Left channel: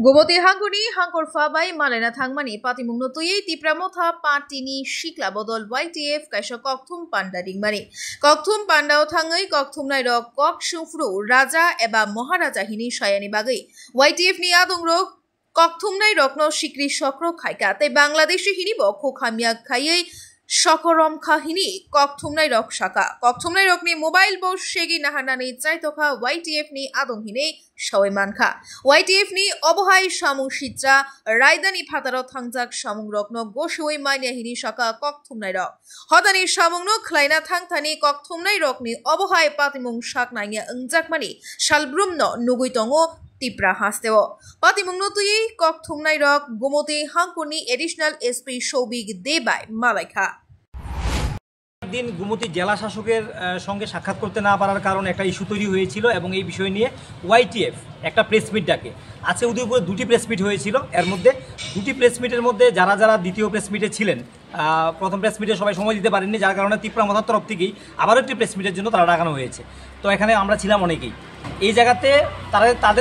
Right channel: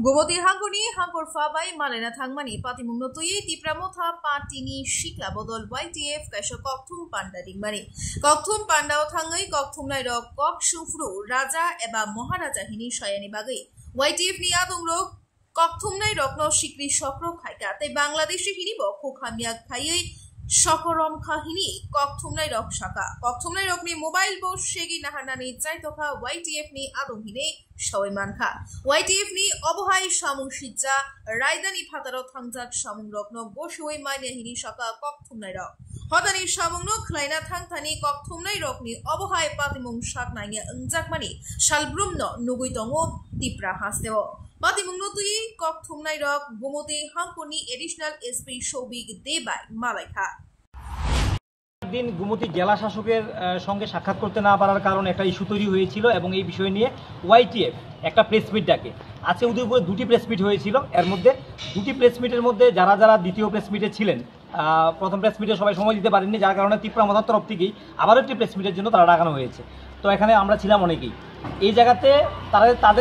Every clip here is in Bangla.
Gomoti hangkuni hangkor fabai malena thangmani patimung notui tipramotha patini shikla bodol YTF kaisa kokthum panda dingmani kokthum pandao thangai kokthum nairok kok sufru raja eba maharaja hini sayani bagai YTF ni adongrok kokthum nairokno sikri sokro khaika tai bangladeshi hini bokho khamia khaiei Shokorom kahini kokthumnai rok shaka kokthumnai rokni mobile bo shegi nahanani chaitokha YTF ni adong hine shawai mankha YTF ni obohai samung shitja raidani phataro thangjak samung rokno goshoi maine hini shaka kokthumnai rok hodani samungno khlaina thangthani kokthumnai rokni obohai patimung shaknainge engjakmani salbrumno nugui tongo tipra hasteo patimung notui kokthumnai rok Gomoti hangkuni additional SP Shobik Debai Malaikha দিন গুমতি জেলা শাসকের সঙ্গে সাক্ষাৎ করতে না পারার কারণে একটা ইস্যু তৈরি হয়েছিল এবং এই বিষয় নিয়ে YTF একটা প্রেস মিট ডাকে আজকে উদয়পুরে দুটি প্রেস মিট হয়েছিল এর মধ্যে দুটি প্রেস মিটের মধ্যে যারা যারা দ্বিতীয় প্রেস মিটে ছিলেন প্রথম প্রেস মিটে সবাই সময় দিতে পারেননি যার কারণে তীব্রমথার তরফ থেকেই আবারও একটি প্রেস মিটের জন্য তারা ডাকানো হয়েছে তো এখানে আমরা ছিলাম অনেকেই এই জায়গাতে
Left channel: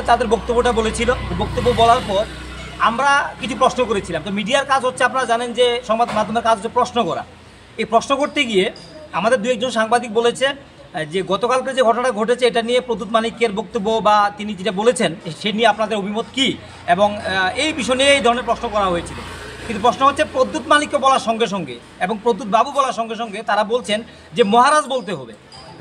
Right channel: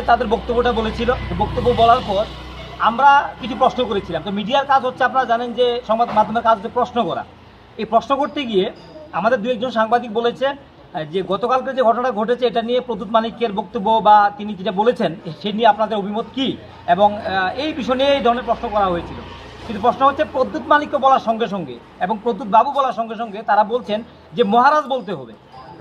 তাদের বক্তব্যটা বলেছিল বক্তব্য বলার পর আমরা কিছু প্রশ্ন করেছিলাম তো মিডিয়ার কাজ হচ্ছে আপনারা জানেন যে সংবাদ মাধ্যমের কাজ হচ্ছে প্রশ্ন করা এই প্রশ্ন করতে গিয়ে আমাদের দু একজন সাংবাদিক বলেছে যে গতকালকে যে ঘটনা ঘটেছে এটা নিয়ে প্রদ্যুৎ মানিক্যের বক্তব্য বা তিনি যেটা বলেছেন সে নিয়ে আপনাদের অভিমত কী এবং এই বিষয় নিয়ে এই ধরনের প্রশ্ন করা হয়েছিল কিন্তু প্রশ্ন হচ্ছে প্রদ্যুৎ মানিক্য বলার সঙ্গে সঙ্গে এবং প্রদ্যুৎ বাবু বলার সঙ্গে সঙ্গে তারা বলছেন যে মহারাজ বলতে হবে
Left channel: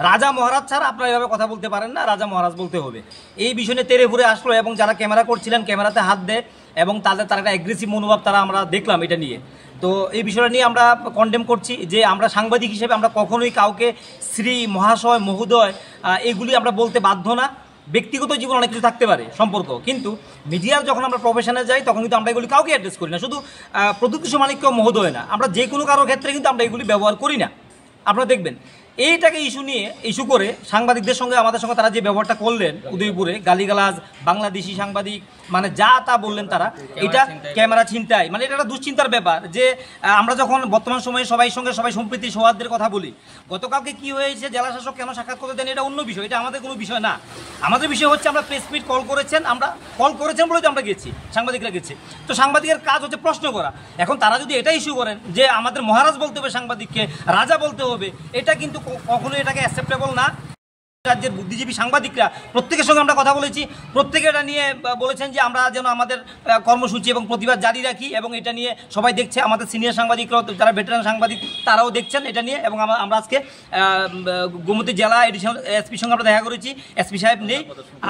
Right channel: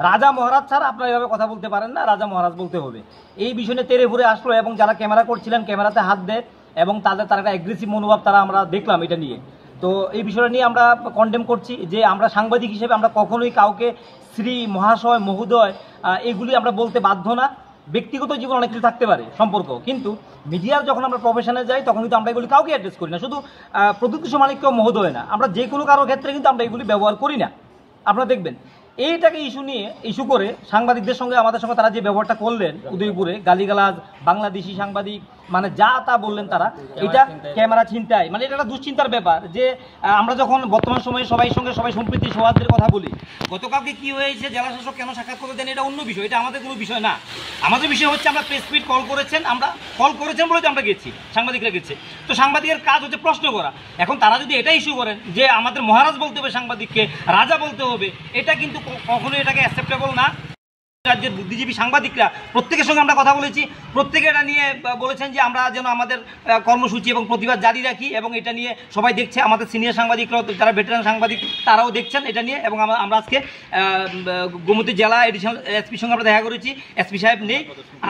রাজা মহারাজ ছাড়া আপনারা এভাবে কথা বলতে পারেন না রাজা মহারাজ বলতে হবে এই বিষয় নিয়ে তেড়ে ঘুরে আসলো এবং যারা ক্যামেরা করছিলেন ক্যামেরাতে হাত দেয় এবং তারা একটা অ্যাগ্রেসিভ মনোভাব তারা আমরা দেখলাম এটা নিয়ে তো এই বিষয়টা নিয়ে আমরা কন্ডেম করছি যে আমরা সাংবাদিক হিসেবে আমরা কখনোই কাউকে শ্রী মহাশয় মহোদয় এগুলি আমরা বলতে বাধ্য না ব্যক্তিগত জীবন অনেক কিছু থাকতে পারে সম্পর্ক কিন্তু মিডিয়ার যখন আমরা প্রফেশনে যাই তখন কিন্তু আমরা এগুলি কাউকে অ্যাড্রেস করি না শুধু প্রদ্যুৎ কিশোর মানিক্য মহোদয় না আমরা যে কোনো কারোর ক্ষেত্রে কিন্তু আমরা এগুলি ব্যবহার করি না আপনারা দেখবেন এইটাকে ইস্যু করে সাংবাদিকদের সঙ্গে আমাদের সঙ্গে তারা যে ব্যবহারটা করলেন উদয়পুরে গালিগালাজ বাংলাদেশি সাংবাদিক মানে যা তা বললেন তারা এটা ক্যামেরা ছিনতাই মানে এটা একটা দুশ্চিন্তার ব্যাপার যে আমরা যখন বর্তমান সময়ে সবাই সম্প্রীতি সৌহার্দ্যের কথা বলি গতকালকে কি হয়েছে জেলা শাসক কেন সাক্ষাৎ করে দেন এটা অন্য বিষয় এটা আমাদের কোনো বিষয় না আমাদের বিষয় হচ্ছে আমরা প্রেস মিট কল করেছেন বলে তো আমরা গেছি সাংবাদিকরা গেছি তো সাংবাদিকের কাজ হচ্ছে প্রশ্ন করা এখন তারা যদি এটা ইস্যু করেন যে আমাদের মহারাজ বলতে হবে সাংবাদিককে রাজা বলতে হবে এটা কিন্তু কখনোই এটাকে অ্যাকসেপ্টেবল না রাজ্যের বুদ্ধিজীবী সাংবাদিকরা প্রত্যেকের সঙ্গে আমরা কথা বলেছি প্রত্যেকে এটা নিয়ে বলেছেন যে আমরা যেন আমাদের কর্মসূচি এবং প্রতিবাদ জারি রাখি এবং এটা নিয়ে সবাই দেখছে আমাদের সিনিয়র সাংবাদিকরাও যারা ভেটেরান সাংবাদিক তারাও দেখছেন এটা নিয়ে এবং আমরা আজকে গোমতী জেলা এডিশনাল এসপির সঙ্গে আমরা দেখা করেছি এসপি সাহেব নেই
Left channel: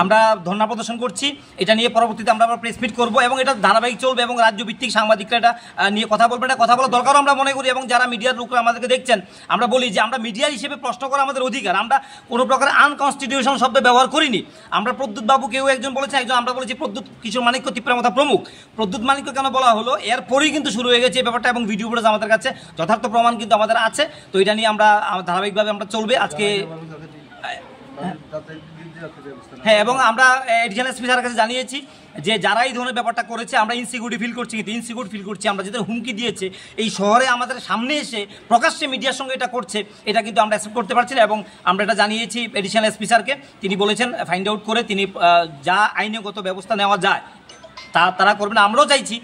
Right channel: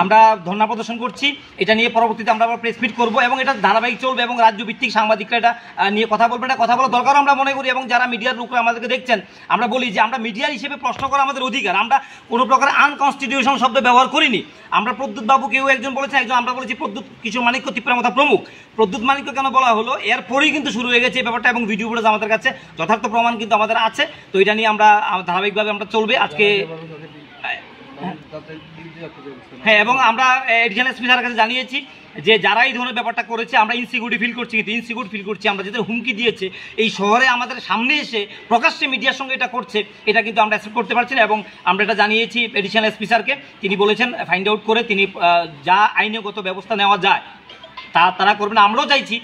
আমরা ধর্ণা প্রদর্শন করছি এটা নিয়ে পরবর্তীতে আমরা আবার প্রেস মিট করবো এবং এটা ধারাবাহিক চলবে এবং রাজ্যভিত্তিক সাংবাদিকরা এটা নিয়ে কথা বলবে এটা কথা বলা দরকার আমরা মনে করি এবং যারা মিডিয়ার লোকরা আমাদেরকে দেখছেন আমরা বলি যে আমরা মিডিয়া হিসেবে প্রশ্ন করা আমাদের অধিকার আমরা কোনো প্রকার আনকনস্টিটিউশন শব্দ ব্যবহার করিনি আমরা প্রদ্যুৎ বাবু কেউ একজন বলেছেন একজন আমরা বলেছি প্রদ্যুৎ কিশোর মানিক্য তীব্রমথা প্রমুখ প্রদ্যুৎ মানিক্য কেন বলা হলো এরপরেই কিন্তু শুরু হয়ে গেছে এই ব্যাপারটা এবং ভিডিও ফুটেজ আমাদের কাছে যথার্থ প্রমাণ কিন্তু আমাদের আছে তো এটা নিয়ে আমরা ধারাবাহিকভাবে আমরা চলবে আজকে হ্যাঁ এবং আমরা এডিশনাল এসপি স্যারের কাছে জানিয়েছি যে যারা এই ধরনের ব্যাপারটা করেছে আমরা ইনসিকিউরিটি ফিল করছি কিন্তু ইনসিকিউর ফিল করছি আমরা যাদের হুমকি দিয়েছে এই শহরে আমাদের সামনে এসে প্রকাশ্যে মিডিয়ার সঙ্গে এটা করছে এটা কিন্তু আমরা অ্যাকসেপ্ট করতে পারছি না এবং আমরা এটা জানিয়েছি এডিশনাল এসপি স্যারকে তিনি বলেছেন ফাইন্ড আউট করে তিনি যা আইনগত ব্যবস্থা নেওয়া যায় তারা করবেন আমরাও চাইছি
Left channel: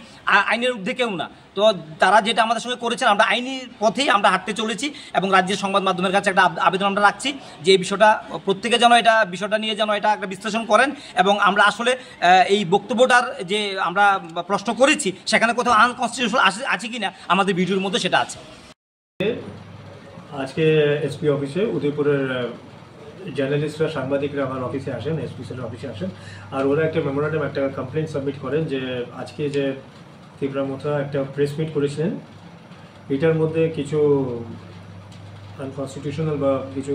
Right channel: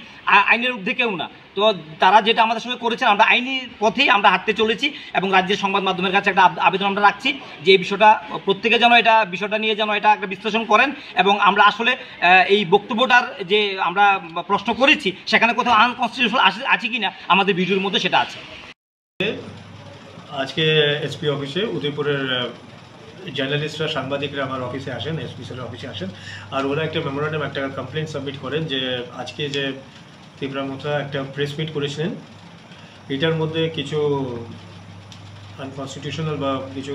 আইনের ঊর্ধ্বে কেউ না তো তারা যেটা আমাদের সঙ্গে করেছেন আমরা আইনি পথেই আমরা হাঁটতে চলেছি এবং রাজ্যের সংবাদ মাধ্যমের কাছে একটা আবেদন আমরা রাখছি যে এই প্রত্যেকে যেন বিষয়টা নিয়ে যেন এটা একটা বিশ্লেষণ করেন এবং আমরা আসলে এই বক্তব্যটার যে আমরা প্রশ্ন করেছি সেখানে কোথাও আনকনস্টিটিউশনাল আছে কি না আমাদের ভিডিওর মধ্যে সেটা আছে আজকে এসপি অফিসে উদয়পুরের জার্নালিস্টরা সাংবাদিকরা আমার অফিসে আসেন এসপি স্যারের অফিসে আসেন আর ওরা একটা মেমোরেন্ডাম একটা কমপ্লেন সাবমিট করেন যে আজকে যে তীব্রমথা একটা প্রেস মিট করেছিলেন এটার মধ্যে কিছু আনকনস্টিটিউশনাল বা কিছু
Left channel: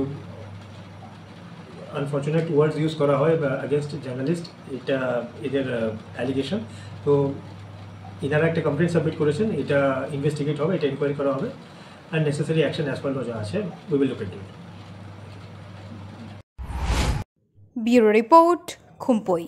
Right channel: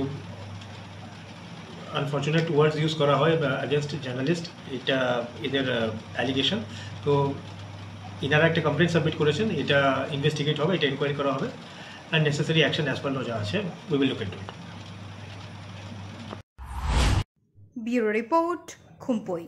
আনফর্চুনেট ওয়ার্ডস ইউজ করা হয় অ্যাগেনস্ট জার্নালিস্ট এটা এদের অ্যালিগেশন তো ইনারা একটা কমপ্লেন সাবমিট করেছেন এটা ইনভেস্টিগেট হবে এটা ইনকোয়ারি করা হবে and necessary action as per law যা আছে we will look into it bureau report খুম্পই।